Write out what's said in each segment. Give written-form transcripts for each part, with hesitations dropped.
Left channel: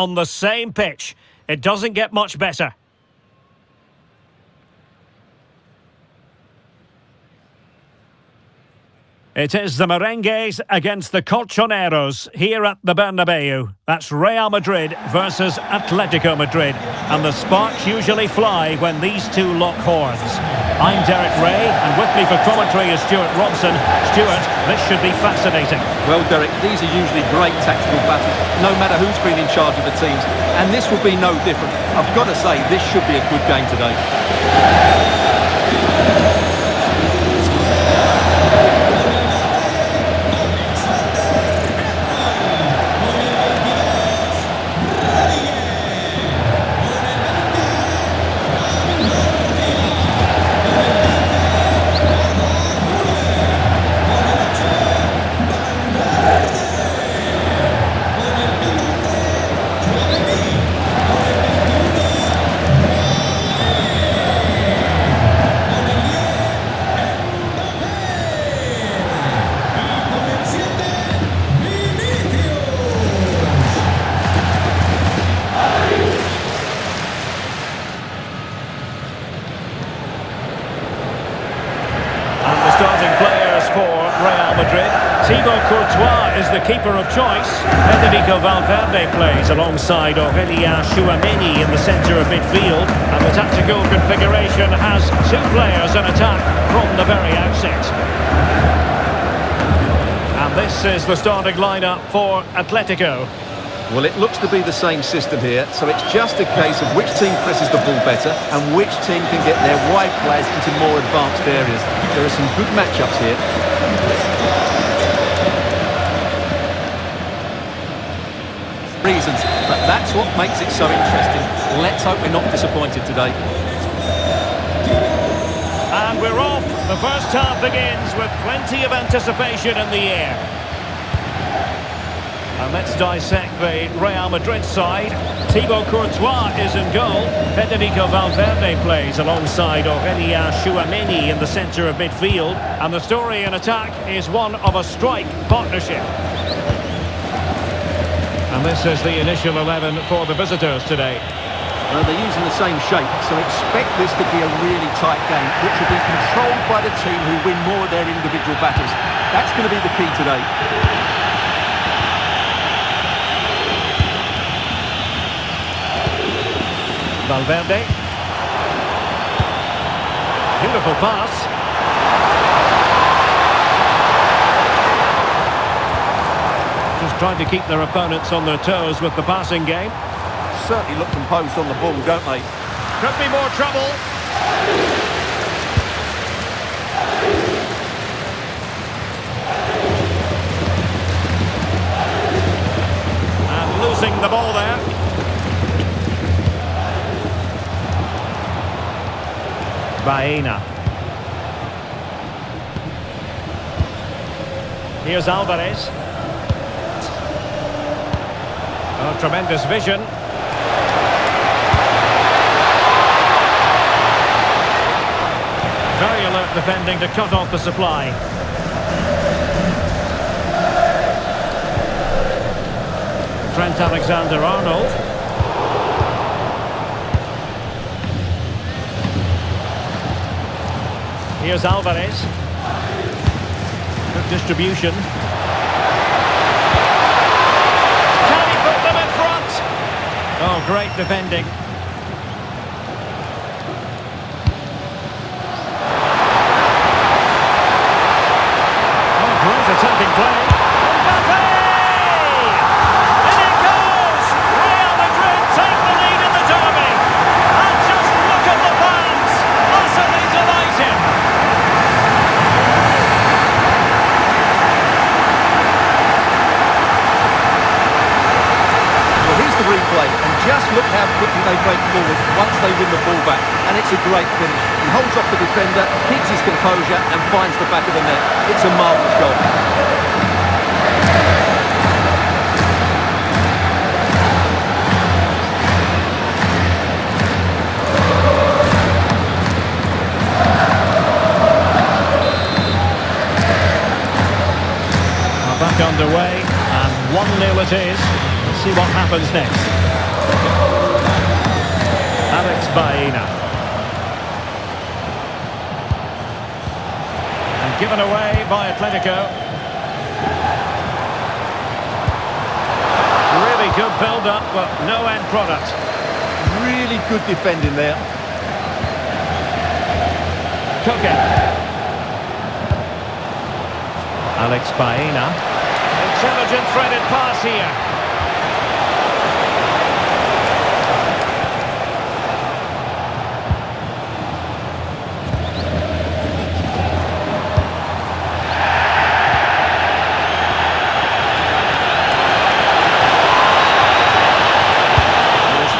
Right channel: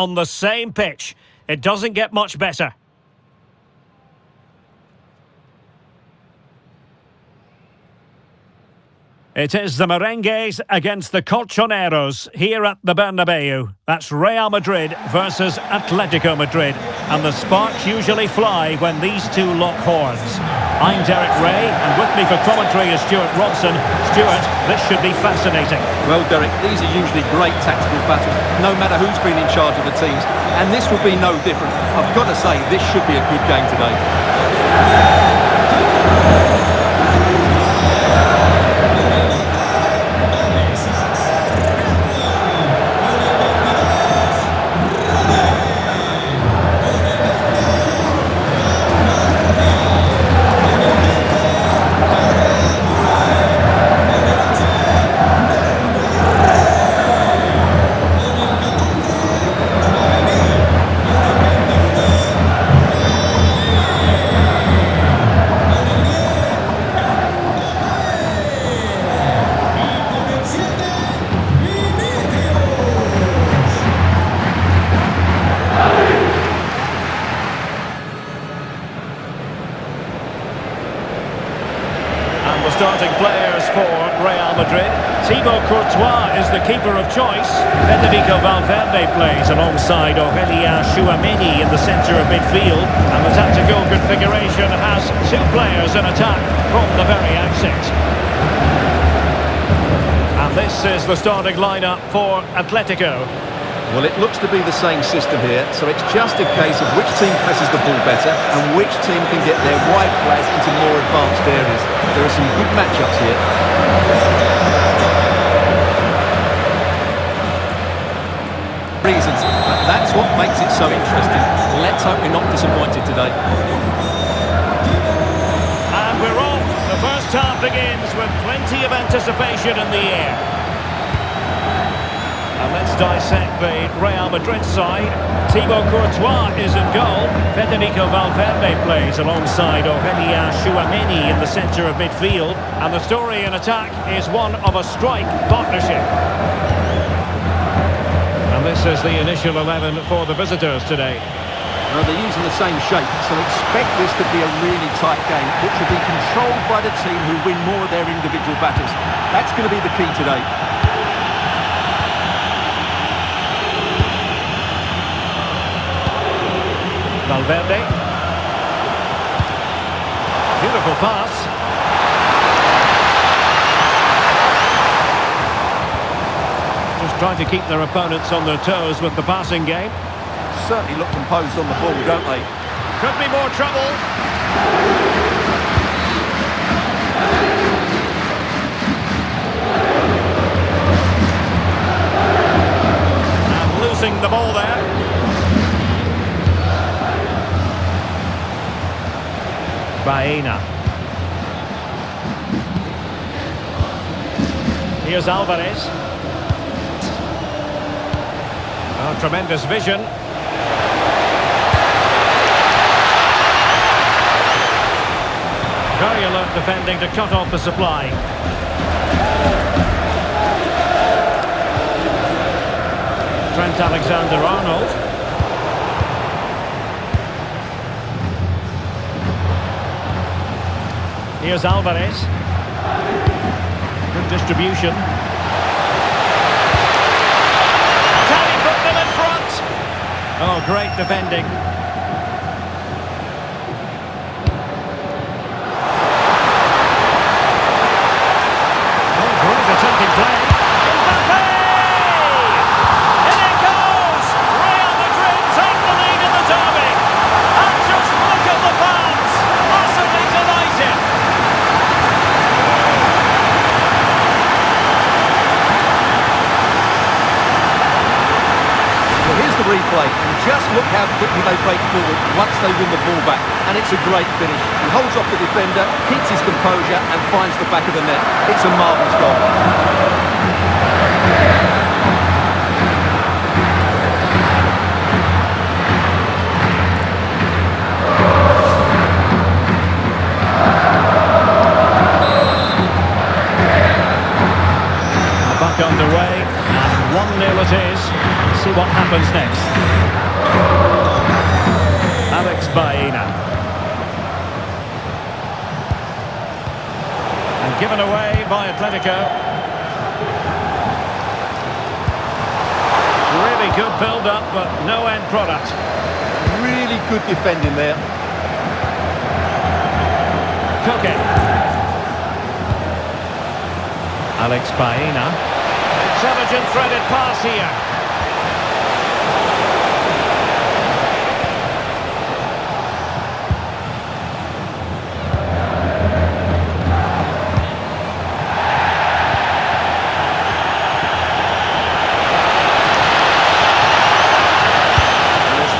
on the same pitch. It doesn't get much better. It is the Merengues against the Colchoneros here at the Bernabeu. That's Real Madrid versus Atletico Madrid. And the sparks usually fly when these two lock horns. I'm Derek Ray, and with me for commentary is Stuart Robson. Stuart, this should be fascinating. Well, Derek, these are usually great tactical battles, no matter who's been in charge of the teams. And this will be no different. I've got to say, this should be a good game today. And the starting players for Real Madrid. Thibaut Courtois is the keeper of choice. Federico Valverde plays alongside Aurelien Tchouameni in the centre of midfield. And the tactical configuration has two players in attack from the very outset. And this is the starting lineup for Atletico. Well, it looks to be the same system here, so it's just a case of which team presses the ball better and which team can get their wide players into more advanced areas. There are some good matchups here. Reasons, but that's what makes it so interesting. Let's hope we're not disappointed today. And we're off. The first half begins with plenty of anticipation in the air. And let's dissect the Real Madrid side. Thibaut Courtois is in goal. Federico Valverde plays alongside Aurelien Tchouameni in the centre of midfield. And the story in attack is one of a strike partnership. And this is the initial 11 for the visitors today. Well, they're using the same shape, so expect this to be a really tight game, which will be controlled by the team who win more of their individual battles. That's going to be the key today. Valverde. Beautiful pass. Just trying to keep their opponents on their toes with the passing game. Certainly look composed on the ball, don't they? Could be more trouble. And losing the ball there. Baena. Here's Alvarez. Oh, tremendous vision. Very alert defending to cut off the supply. Trent Alexander-Arnold. Here's Alvarez. Good distribution. Can he put them in front? Oh, great defending. Oh, great attacking play. Mbappe! In it goes! Real Madrid take the lead in the derby. And just look at the fans. Utterly delighted. Well, here's the replay, and just look how quickly they break forward once they win the ball back. And it's a great finish. He holds off the defender, keeps his composure, and finds the back of the net. It's a marvellous goal. Back underway, and 1-0 it is. Let's see what happens next. Alex Baena. And given away by Atletico. Really good build-up, but no end product. Really good defending there. Koke. Alex Baena. Intelligent threaded pass here.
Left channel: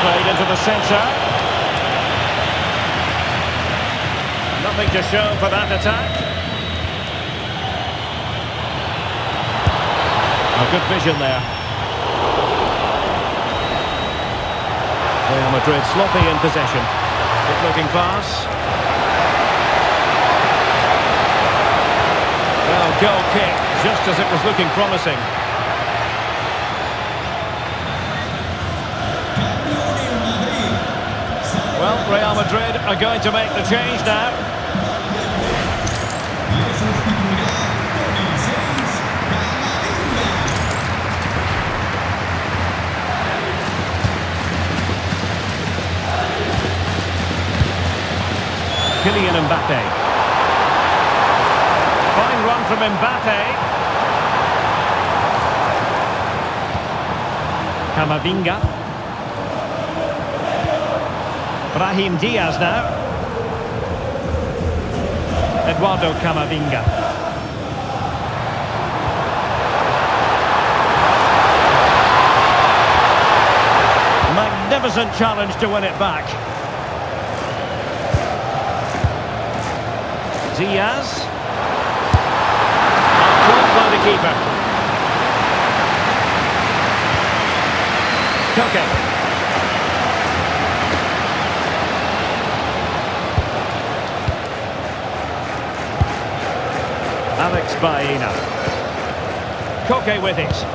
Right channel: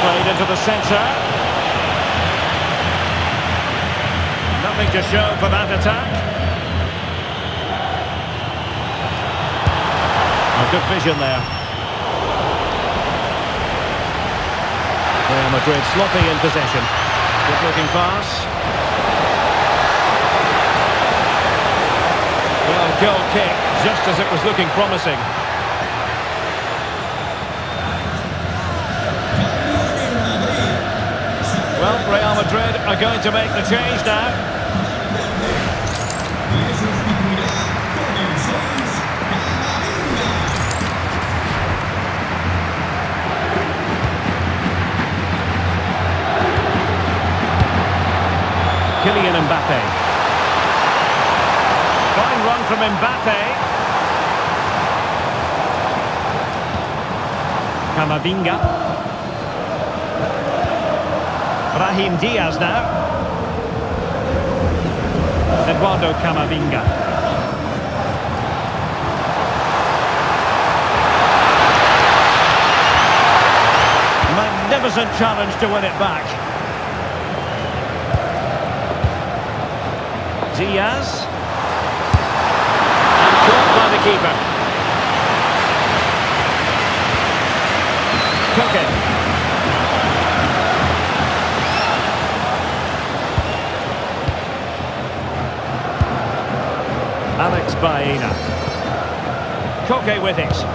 Played into the centre. Nothing to show for that attack. A good vision there. Real Madrid sloppy in possession. Good looking pass. Well, goal kick, just as it was looking promising. Well, Real Madrid are going to make the change now. Kylian Mbappe. Fine run from Mbappe. Camavinga. Brahim Diaz now. Eduardo Camavinga. Magnificent challenge to win it back. Diaz. And caught by the keeper. Koke. Alex Baena. Koke with it.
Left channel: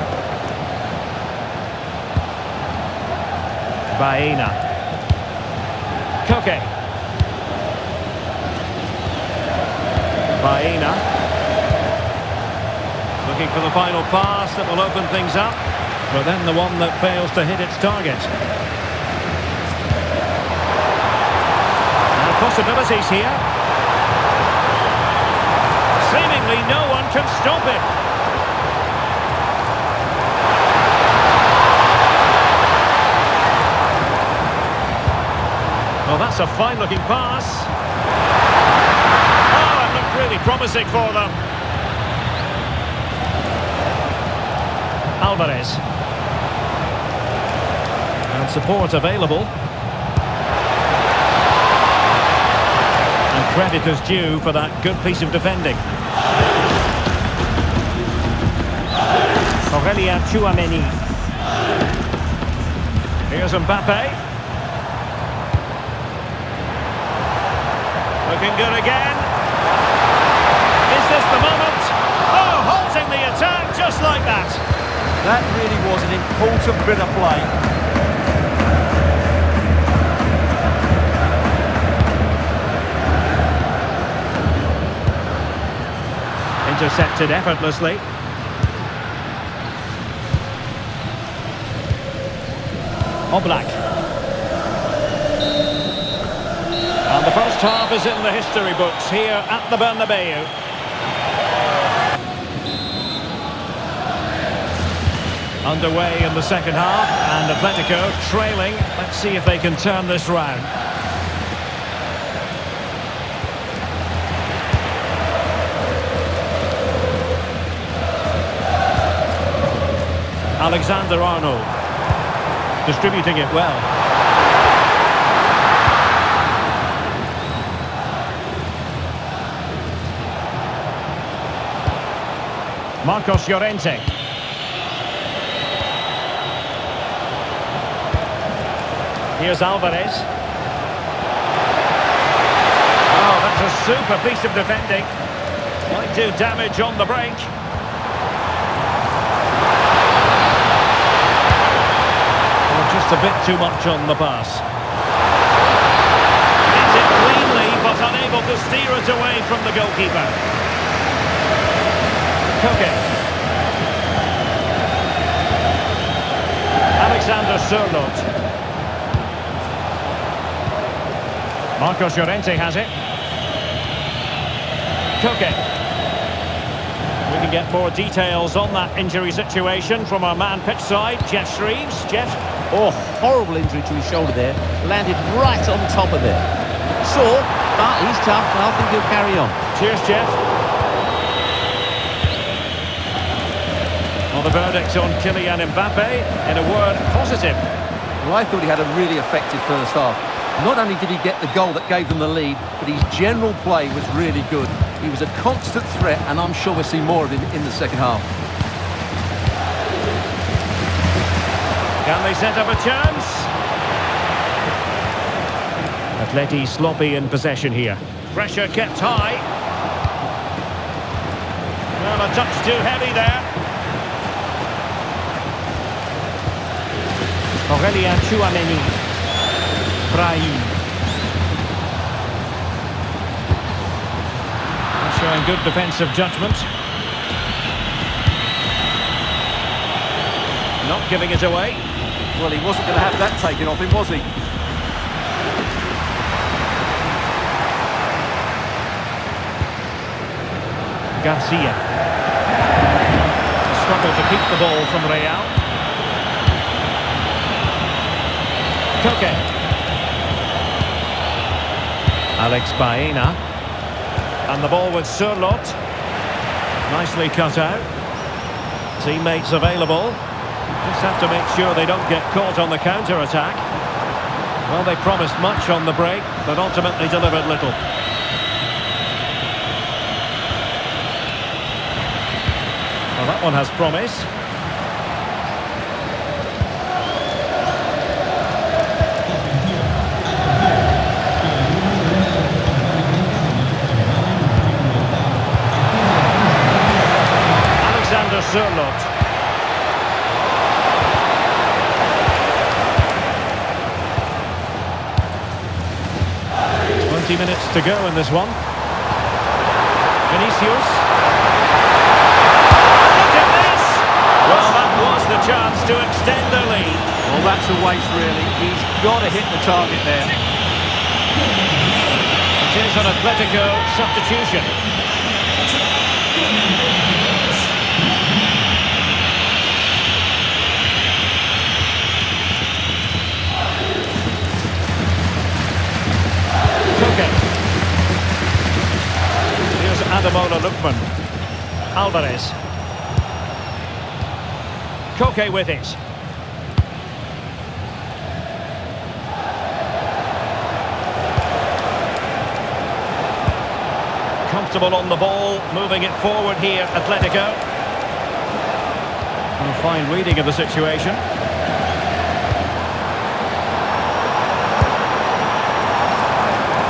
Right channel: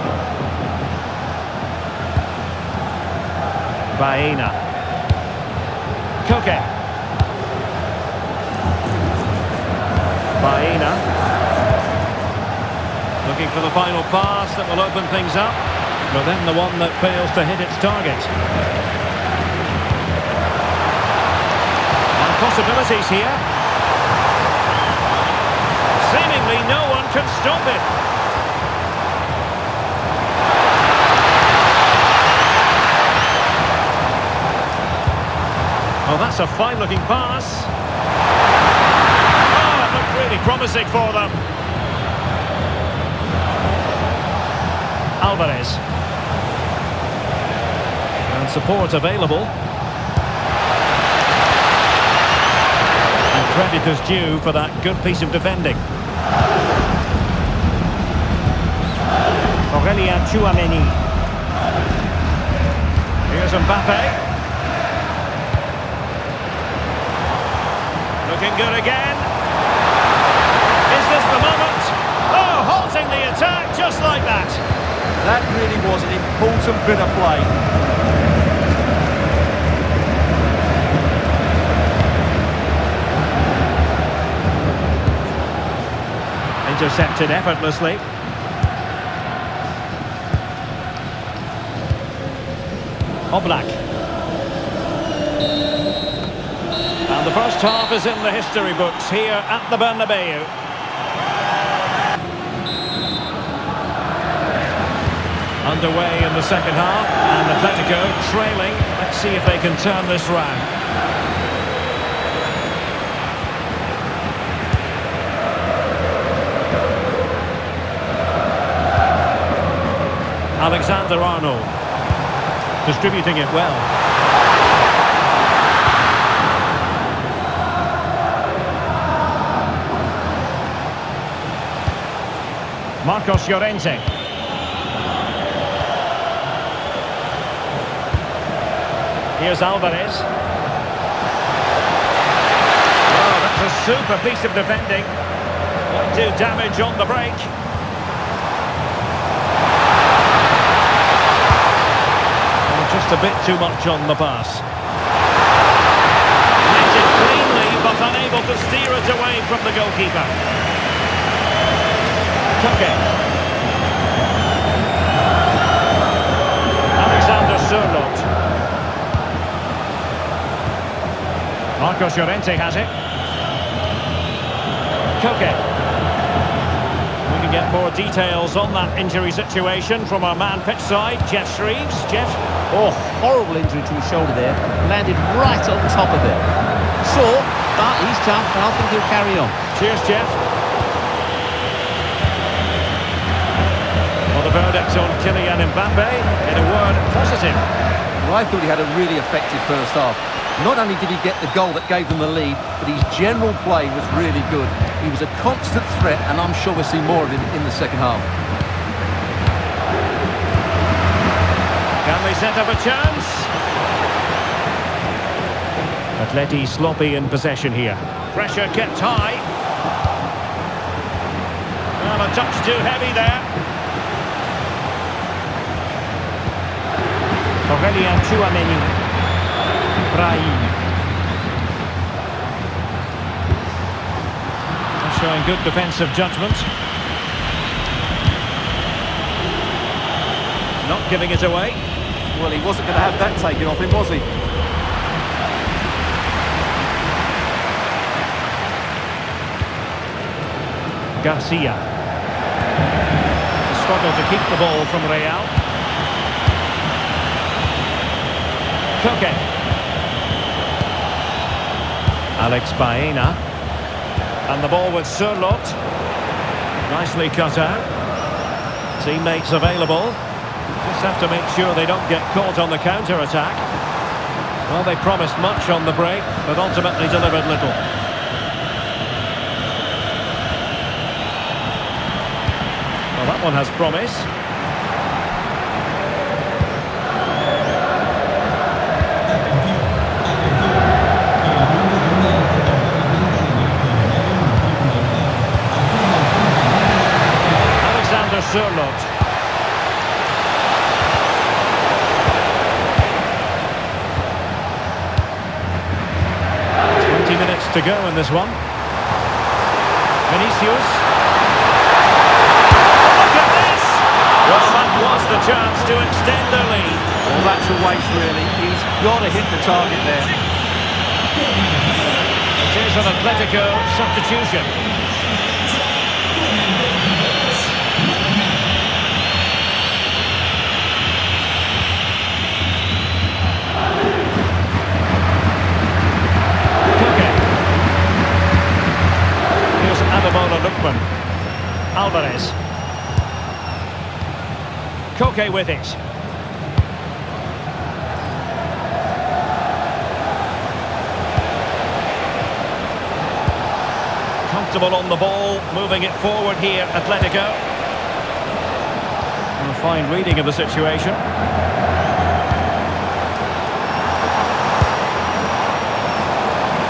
Baena. Koke. Baena. Looking for the final pass that will open things up, but then the one that fails to hit its target. And possibilities here. Seemingly no one can stop it. Well, that's a fine-looking pass. Oh, it looked really promising for them. Alvarez. And support available. And credit is due for that good piece of defending. Aurelien Tchouameni. Here's Mbappe. Looking good again. Is this the moment? Oh, halting the attack just like that. That really was an important bit of play. Intercepted effortlessly. Oblak. And the first half is in the history books here at the Bernabeu. Underway in the second half, and Atletico trailing. Let's see if they can turn this round. Alexander-Arnold. Distributing it well. Marcos Llorente. Here's Alvarez. Oh, that's a super piece of defending. Might do damage on the break. Oh, just a bit too much on the pass. was unable to steer it away from the goalkeeper. Koke. Alexander Sørloth. Marcos Llorente has it. Koke. We can get more details on that injury situation from our man pitch side, Jeff Shreves. Jeff? Oh, horrible injury to his shoulder there. Landed right on top of it. Sore, but he's tough, and I think he'll carry on. Cheers, Jeff. Well, the verdict on Kylian Mbappe, in a word, positive. Well, I thought he had a really effective first half. Not only did he get the goal that gave them the lead, but his general play was really good. He was a constant threat, and I'm sure we'll see more of him in the second half. Can they set up a chance? Atleti sloppy in possession here. Pressure kept high. Well, a touch too heavy there. Aurélien Tchouaméni. Brahim. Showing good defensive judgment. Not giving it away. Well, he wasn't going to have that taken off him, was he? Garcia. A struggle to keep the ball from Real. Koke. Alex Baena. And the ball with Sørloth. Nicely cut out. Teammates available. Just have to make sure they don't get caught on the counter-attack. Well, they promised much on the break, but ultimately delivered little. Well, that one has promise. Alexander Sørloth. 20 minutes to go in this one. Vinicius. Look at this! Well, that was the chance to extend the lead. Well, that's a waste, really. He's got to hit the target there. It is an Atletico substitution. Koke. Here's Ademola Lookman. Alvarez. Koke with it. Comfortable on the ball, moving it forward here, Atletico. A fine reading of the situation.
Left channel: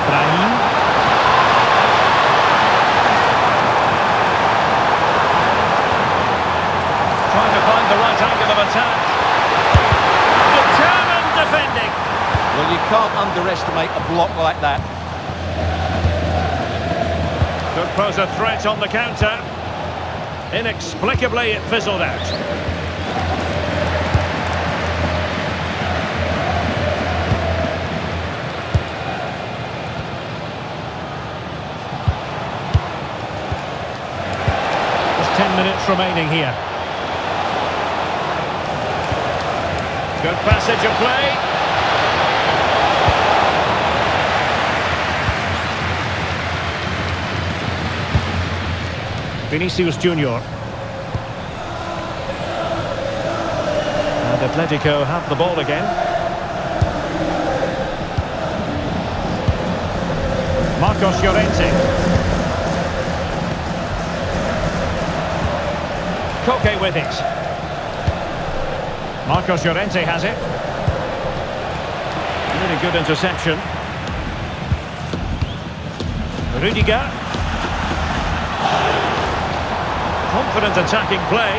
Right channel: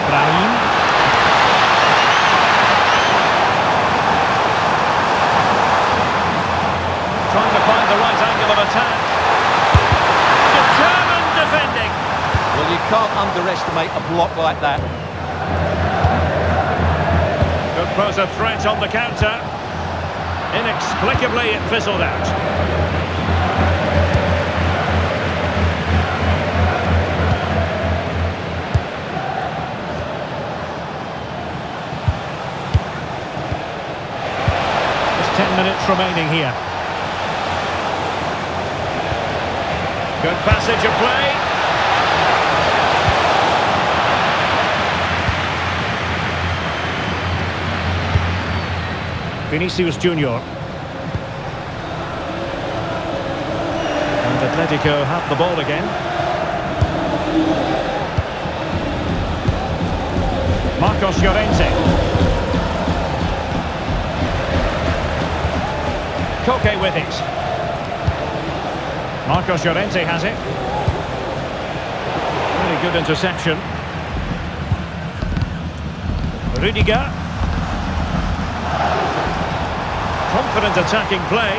Brahim. Trying to find the right angle of attack. Determined defending. Well, you can't underestimate a block like that. Could pose a threat on the counter. Inexplicably, it fizzled out. Just 10 minutes remaining here. Good passage of play. Vinicius Junior. And Atletico have the ball again. Marcos Llorente. Koke with it. Marcos Llorente has it. Really good interception. Rudiger. Confident attacking play.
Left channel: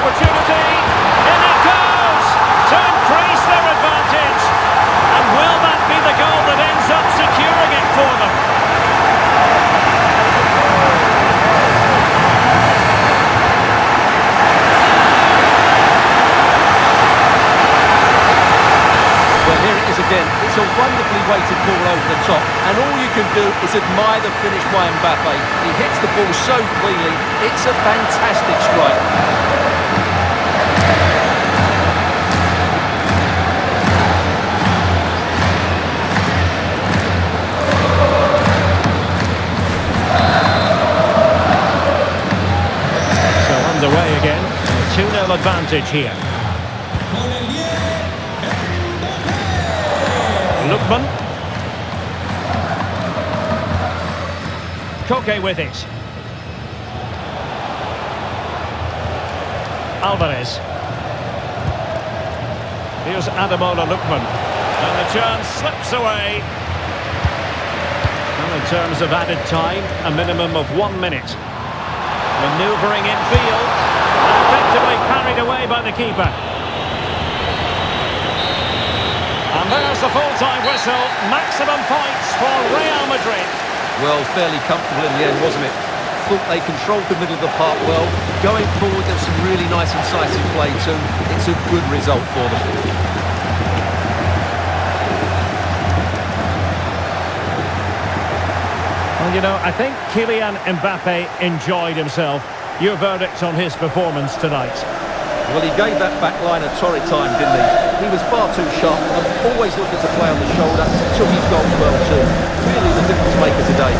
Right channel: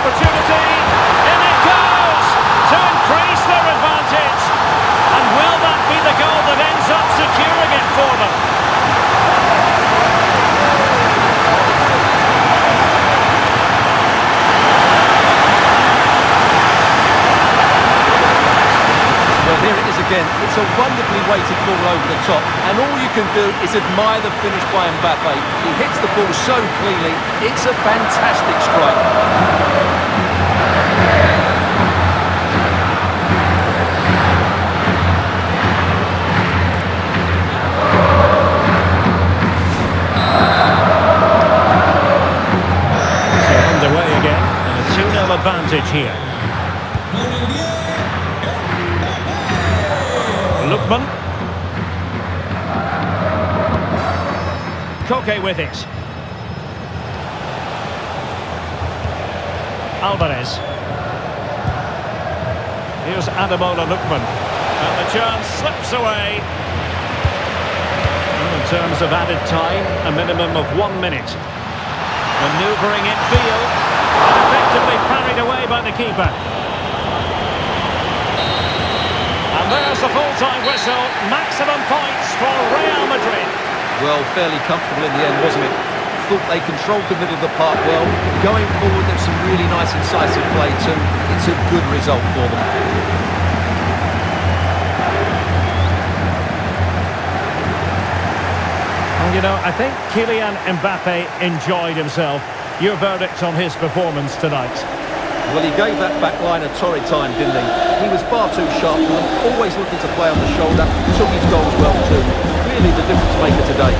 Opportunity. In it goes to increase their advantage. And will that be the goal that ends up securing Well, here it is again. It's a wonderfully weighted ball over the top, and all you can do is admire the finish by Mbappe. He hits the ball so cleanly. It's a fantastic strike. So underway again, and a 2-0 advantage here. Lookman. Koke with it. Alvarez. Here's Ademola Lookman. And the chance slips away. And in terms of added time, a minimum of 1 minute. Manoeuvring in field. And effectively parried away by the keeper. And there's the full-time whistle. Maximum points for Real Madrid. Well, fairly comfortable in the end, wasn't it? Thought they controlled the middle of the park well. Going forward, there's some really nice incisive play too. It's a good result for them. Well, you know, I think Kylian Mbappe enjoyed himself. Your verdict on his performance tonight? Well, he gave that back line a torrid time, didn't he? He was far too sharp for them, always looking to play on the shoulder, took his goals well too. Really the difference maker today.